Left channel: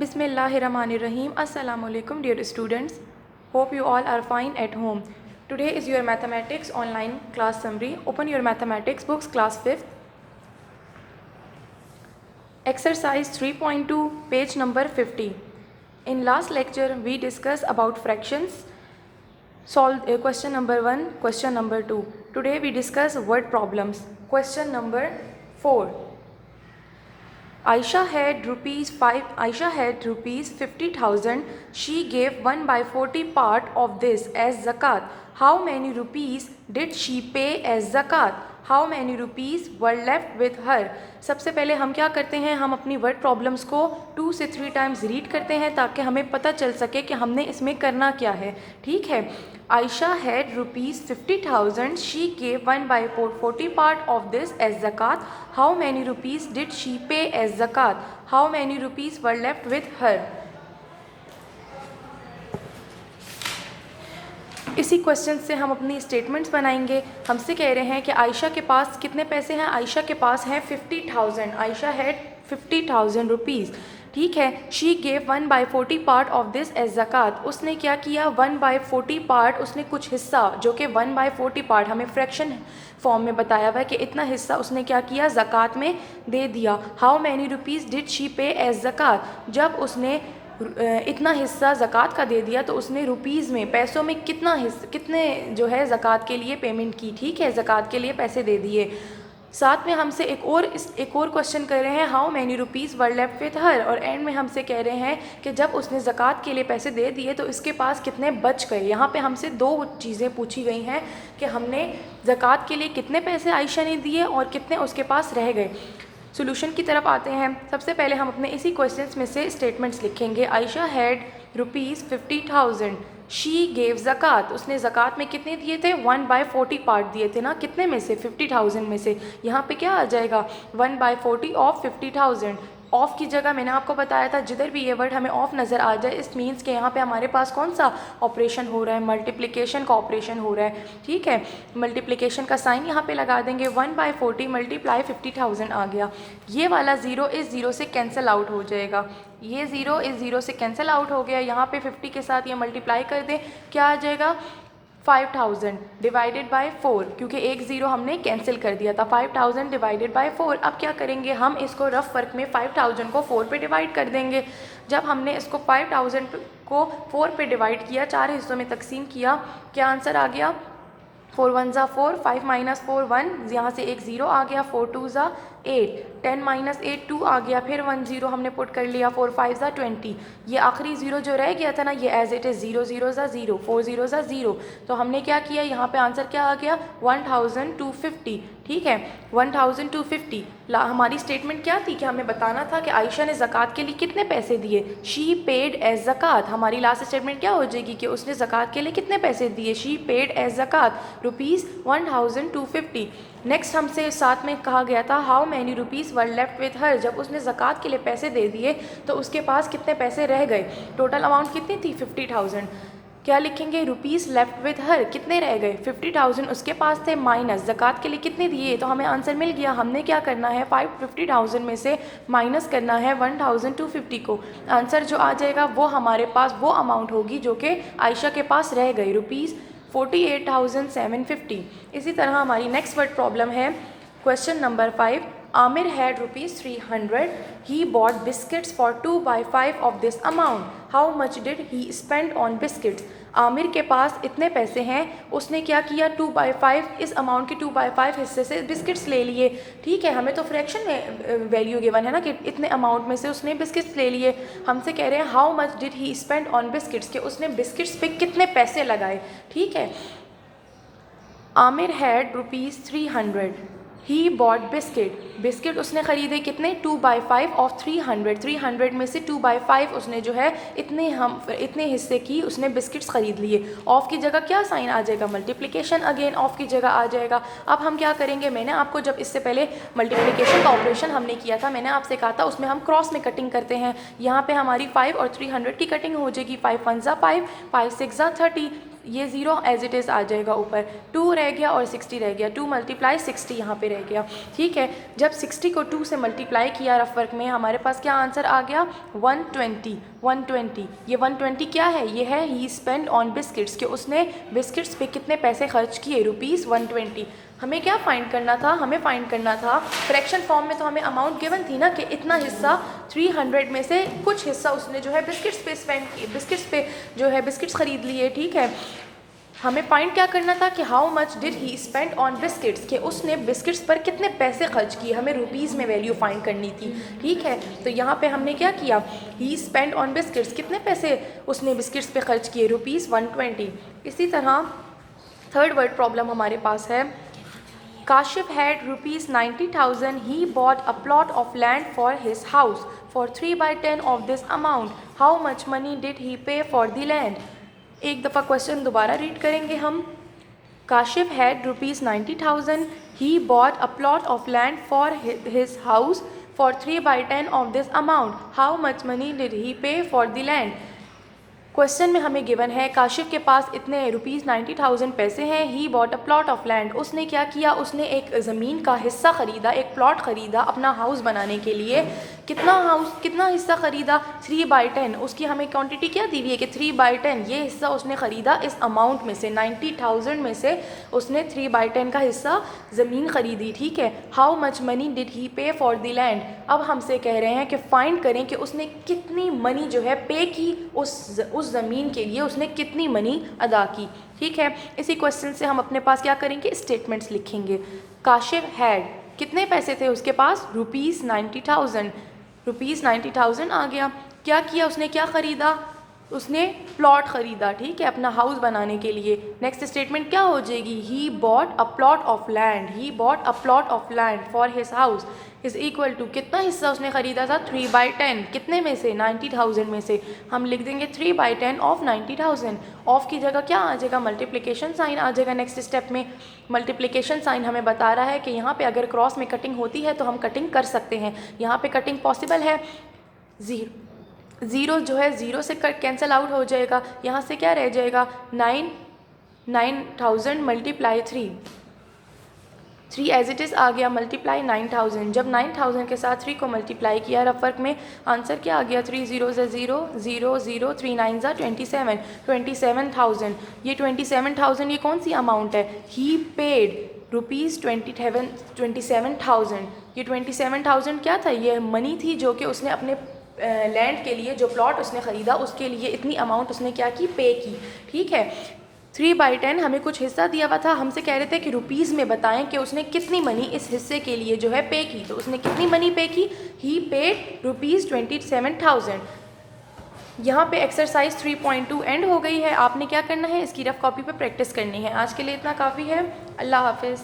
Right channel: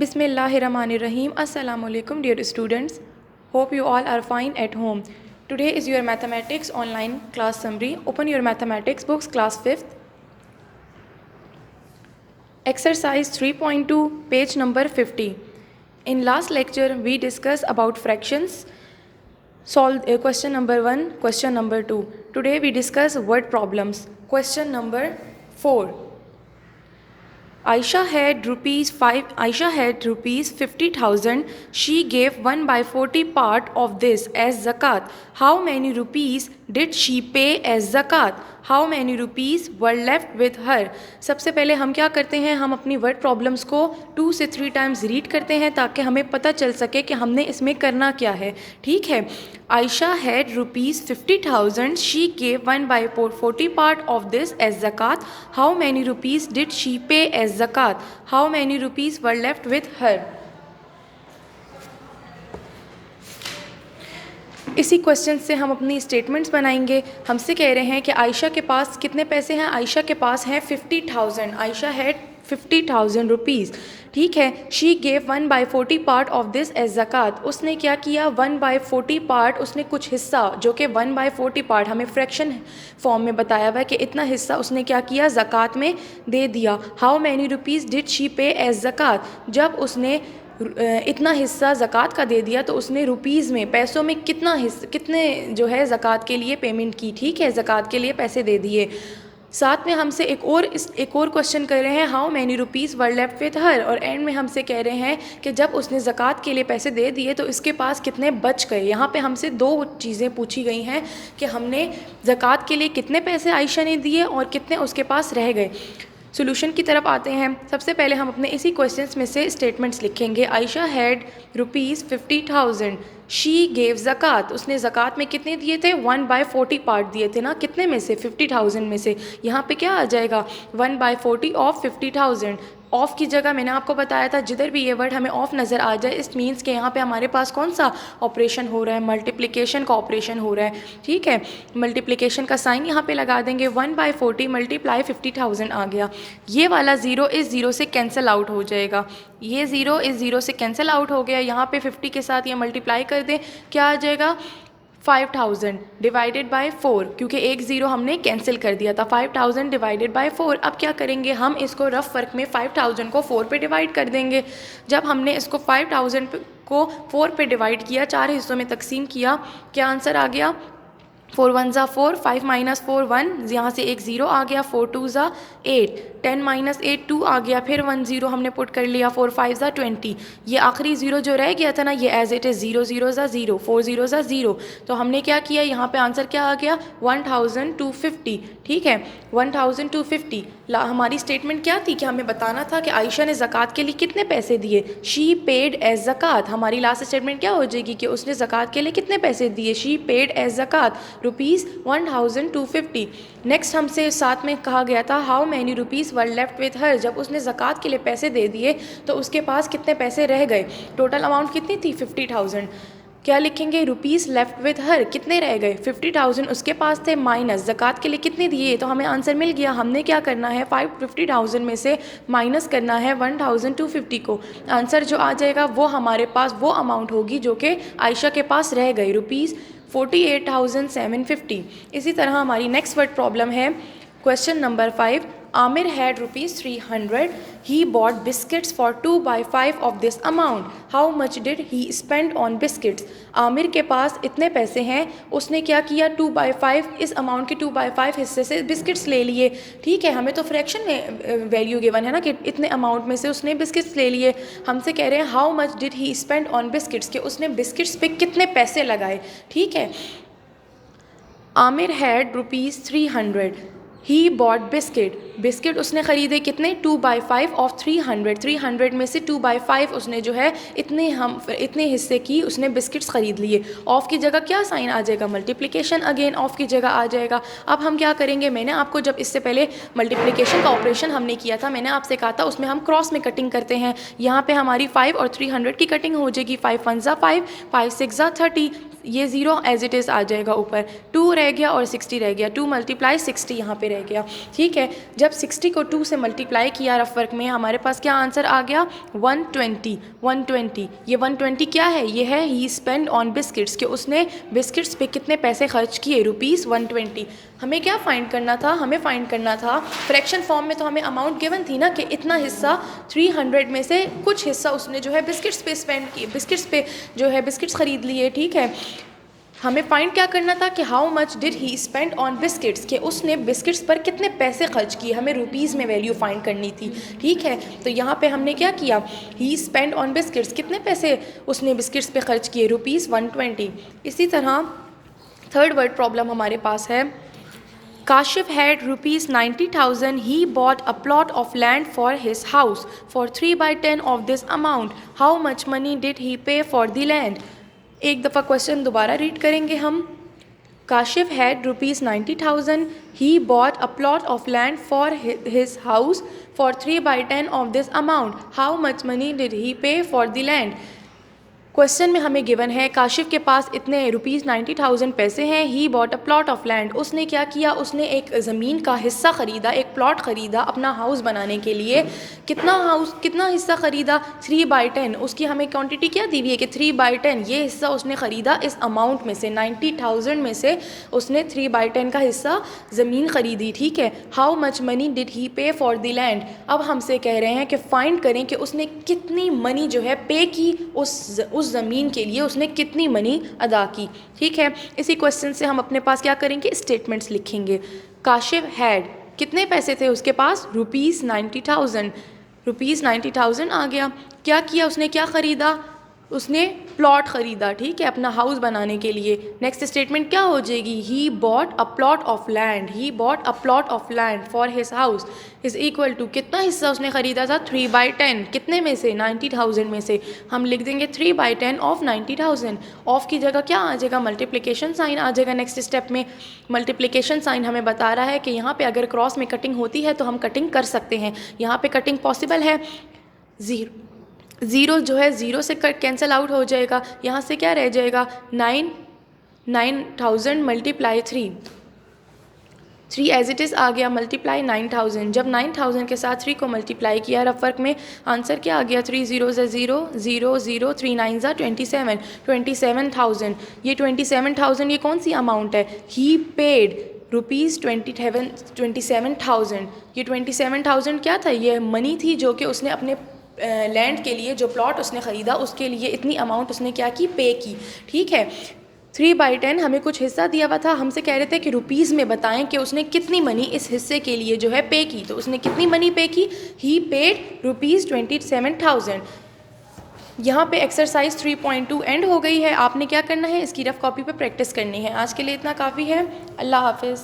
Bismillahirrahmanirrahim. Assalamu alaikum dear students. Hope you all are fine at home. Today is your mathematics online class summary. Open your mathematics books class 5th. Exercise 3.2 page number 50. In last lecture we discussed about fractions. Solve question number 1, question number 2. Today we discuss word problems. Question number 4. Aisha had rupees 50,000. She gave 1/40 part of this as zakat. How many rupees did she pay as zakat? How many rupees were left with her? सबसे पहले हम क्या करते हैं, हम अपनी word problems को 2 से 3 टाइम्स रीड करते हैं ताकि हमें पता चल सके कि हमने इसमें करना क्या है. ठीक है. Aisha had rupees 50,000. She gave 1/40 part of this as zakat. How many rupees did she pay as zakat? How many rupees were left with her? इसी क्वेश्चन से हम अपनी स्टेटमेंट्स बनाएंगे. हमसे कह रहे हैं कि आयशा के पास कितने पैसे हैं. आयशा के पास हैं 50,000. Ayesha had 50,000 rupees. ठीक है. She gave 1/40 part of this as ज़कात. उसने क्या किया, 1/40 पार्ट, उसने कुछ हिस्सा जो कि 1/40 पार्ट हमें फ्रैक्शन फॉर्म में बताया हुआ है कि इतना हिस्सा उसने क्या किया, ज़कात में दे दिया. How many rupees did she पे एज ज़कात. जब उसने इतना हिस्सा ज़कात का दे दिया तो उसने रुपीज़ में, पैसों में कितने जो है ज़कात के लिए पेमेंट की. ठीक है. ज़कात के लिए पैसे दे दिए. साथ में हमसे एक और क्वेश्चन कर रहे हैं, how many rupees were left with हर. और एंड में हमसे कह रहे हैं कि जब उसने ज़कात के लिए पैसे दे दिए तो इसके पास कितने बच गए. यहाँ पे हमसे 2 चीज़ें पूछी गई हैं कि हमने ज़कात के लिए कितने पैसे आयशा ने दिए और कितने उसके पास रह गए. सोल्यूशन की तरफ आते हैं. सबसे पहले हम अपने इसी क्वेश्चंस में से स्टेटमेंट्स लिखेंगे. Ayesha had rupees 50,000. She gave ज़कात. उसने ज़कात में कितने दिए थे, 1/40 पार्ट दिए थे ना. कितने में से, 50,000 में से. यहाँ पे क्या आ जाएगा, 1/40 ऑफ 50,000. ऑफ़ की जगह मैंने आपको बताया था जिधर भी ये वर्ड हमें ऑफ नज़र आ जाए इस मीन्स के यहाँ पे हमारे पास कौन सा ऑपरेशन हो रहा है, मल्टीप्लिकेशन का ऑपरेशन हो रहा है. ठीक है. मल्टीप्लिकेशन का साइन यहाँ पे लगा देंगे. 1/40 मल्टीप्लाई 50,000 आ गया. ये वाला ज़ीरो इस ज़ीरो से कैंसिल आउट हो जाएगा. ये ज़ीरो इस ज़ीरो से कैंसिल आउट हो गया. यहाँ पे 50 के साथ ये मल्टीप्लाई कर दें, क्या आ जाएगा, 5,000 डिवाइडेड बाय 4, क्योंकि एक ज़ीरो हमने कैंसिल कर दिया था. 5,000 डिवाइडेड बाय 4. अब क्या करेंगे, हम इसको रफ वर्क में 5,000 को 4 पे डिवाइड कर देंगे. जब हमने इसको 5,000 को 4 पे डिवाइड किया, 4 हिस्सों में तकसीम किया, क्या आंसर आ गया, 4 1 ज़ा 4, 5 माइनस 4 1, यहाँ से एक ज़ीरो आ गया. 4 2 ज़ा 8, 10 माइनस 8 2 आ गया. फिर 1 ज़ीरो हमने पुट कर लिया. 4 5 ज़ा 20. ये आखिरी ज़ीरो जो रह गया था ना, ये एज इट इज़ 0 0 ज़ा 0, 4 0 ज़ा 0. तो हमने क्या किया, यहाँ पे आंसर क्या आ गया, 1,250. ठीक है. 1,250. हमारी स्टेटमेंट क्या थी कि हमें बताना था कि आयशा ने ज़कात के लिए कितने पैसे दिए. शी पेड एज ज़कात. हमारी लास्ट स्टेटमेंट क्या हो जाएगी कि उसने ज़कात के लिए कितने पैसे दिए. शी पेड एज ज़कात रुपीज़ 1,250. नेक्स्ट हमसे साथ में कहा गया था, how many rupees were left with her. जब उसने ज़कात के लिए पैसे दे दिए तो उसके पास कितने पैसे रह गए. टोटल अमाउंट कितनी थी, 50,000. क्या लिखेंगे, रुपीज़ लेफ्ट विथ हर, कितने रह गए, 50,000 उसके पास थे, माइनस ज़कात के लिए कितने दिए. तो हमें आंसर मिल गया. हमने क्या करना है, 50,000 में से माइनस करना है 1,250 को. आंसर जो आ जाएगा वो हमारे पास वो अमाउंट होगी जो कि आयशा के पास रह गई, रुपीज़ 48,750. इसी तरह हमारी नेक्स्ट वर्ड प्रॉब्लम है question number 5. Aamir had rupees 300. He bought biscuits for 2/5 of this amount. How much did he spend on biscuits. Aamir के पास इतने पैसे हैं, उसने क्या किया, 2/5, इस अमाउंट के 2/5 हिस्से से बिस्किट्स ले लिए. ठीक है. हमें तो फ्रैक्शन में वैल्यू गिवन है ना कि इतने अमाउंट में से उसने बिस्किट्स ले लिए. हमसे कह रहे हैं how much did he spend on biscuits, कि उसने बिस्किट्स पे कितने पैसे लगाए. ठीक है. Aamir had rupees 300. He bought biscuit उसने ख़रीदे कितने, 2/5 ऑफ 300. 300 में से 2/5 उसने जो है इतने हिस्से की उसने बिस्किट्स ख़रीद लिए. ऑफ़ की जगह क्या साइन आ जाएगा, मल्टीप्लिकेशन. अगेन ऑफ़ की जगह आ जाएगा. अब हम क्या करेंगे, मैंने आपको जब इससे पहले मल्टीप्लिकेशन का ऑपरेशन हमने किया था, मैंने आपसे कहा था उसमें हम क्रॉस में कटिंग करते हैं. यहाँ पे हमारी 5 और 300 की कटिंग हो जाएगी. 5 1 ज़ा 5, 5 6 ज़ा 30. ये ज़ीरो एज इट इज़ आ जाएगा ऊपर. 2 रह गया और 60 रह गया. 2 मल्टीप्लाई 60 यहाँ पे रह गया. ठीक है. जब जब 60 को 2 से मल्टीप्लाई किया रफ वर्क में, हमारे पास क्या आंसर आ गया 120। 120 ये 120 क्या है, ये है ही स्पेंड ऑन बिस्किट्स, कि उसने बिस्किट्स पे कितने पैसे खर्च किए, रुपीज़ 120। हमें क्या फाइंड करना था, हमें फाइंड करना था फ्रैक्शन फॉर्म में, तो हमें अमाउंट गिवन थी ना कि इतना हिस्सा 300 में से कुछ हिस्सा उसने जो है बिस्किट्स पे स्पेंड किए, बिस्किट्स पे जो है बिस्किट्स ख़रीद लिए, ठीक है। हमें फाइंड क्या करना था कि how much did he spend on biscuits, कि उसने बिस्किट्स पर कितने पैसे खर्च किए, हमें रुपीज़ में वैल्यू फाइंड करनी थी, ठीक है। तो यहाँ पे हमने क्या किया, ही स्पेंड ऑन बिस्किट्स, कितने पैसे उसने बिस्किट्स पे खर्च किए, रुपीज़ 120। इसी तरह थर्ड वर्ड प्रॉब्लम हमारे पास है, Kashif had rupees 90,000. He bought a plot of land for his house. For 3/10 of this amount, how much money did he pay for the land? एक दफ़ा क्वेश्चन दोबारा रीड करेंगे हम। Kashif had rupees 90,000. He bought a plot of land for his house. For 3/10 of this amount, how much money did he pay for the land? Question में हमें given है काशिफ के पास इतने रुपीज़ 90,000 पैसे हैं, ही bought a plot of land, उसने क्या किया, उसने एक ज़मीन का हिस्सा ख़रीदा, एक प्लॉट ख़रीदा अपना हाउस बनाने के लिए। कितना हिस्सा ख़रीदा, 3/10। उसकी हमें क्वांटिटी क्या दी हुई है कि 3/10 ये हिस्सा उसने ख़रीदा इस अमाउंट में से, 90,000 में से उसने 3/10 का हिस्सा ज़मीन ख़रीदी, ठीक है। How much money did he पे फॉर द लैंड, अब हमसे कह रहे हैं कि फ़ाइंड करें कि उसने कितनी मनी जो है पे की, उस ज़मीन के लिए उसने कितनी मनी अदा की, ठीक है। इसी क्वेश्चन से हम अपने पास क्या करेंगे, स्टेटमेंट्स लिखेंगे। काशिफ हैड, कितने पैसे थे उसके पास, रुपीज़ 90,000। रुपीज़ 90,000 आ गया। क्या किया उसने, क्या ख़रीदा, उसने प्लॉट ख़रीदा, ठीक है, अपना हाउस बनाने के लिए। नेक्स्ट स्टेटमेंट क्या हो जाएगी, he bought a plot of land. He bought a plot of land for his house is equal to, कितना हिस्सा उसने ख़रीदा था, 3/10। कितने में से, 90,000 में से। हम लिख देंगे 3/10 ऑफ 90,000। ऑफ की जगह क्या आ जाएगा, मल्टीप्लिकेशन साइन आ जाएगा। नेक्स्ट स्टेप में मल्टीप्लिकेशन साइन हमें बता रहा है कि यहाँ पे अगर क्रॉस में कटिंग होती है तो हम कटिंग कर सकते हैं। यहाँ पे कटिंग पॉसिबल है, ज़ीरो जो है ज़ीरो से कैंसिल आउट हो जाएगा। यहाँ से क्या रह जाएगा, 9,000 मल्टीप्लाई 3 एज इट इज़ आ गया, मल्टीप्लाई 9,000। जब 9,000 के साथ 3 को मल्टीप्लाई किया रफ वर्क में, आंसर क्या आ गया, 3 0 से 0 0 0 3 9 27,000। ये 27,000 ये कौन सी अमाउंट है, ही पेड रुपीज़ 27,000। ये 27,000 क्या था, ये मनी थी जो कि उसने अपने लैंड के लिए, जो प्लॉट उसने ख़रीदा उसके लिए इतनी अमाउंट उसने क्या की, पे की, ठीक है। 3/10 हमें कुछ हिस्सा दिया हुआ था, हमसे कह रहे थे कि रुपीज़ में बताएं कि उसने कितनी मनी इस हिस्से के लिए जो है पे की। तो उसने कितनी मनी पे की, ही पेड रुपीज़ 27,000। यहाँ पे एक्सरसाइज 3.2 एंड हो गई है। आपने क्या करना है, इसकी रफ कॉपी पे प्रैक्टिस करनी है। आज के लिए इतना काफ़ी है। अल्लाह हाफिज़।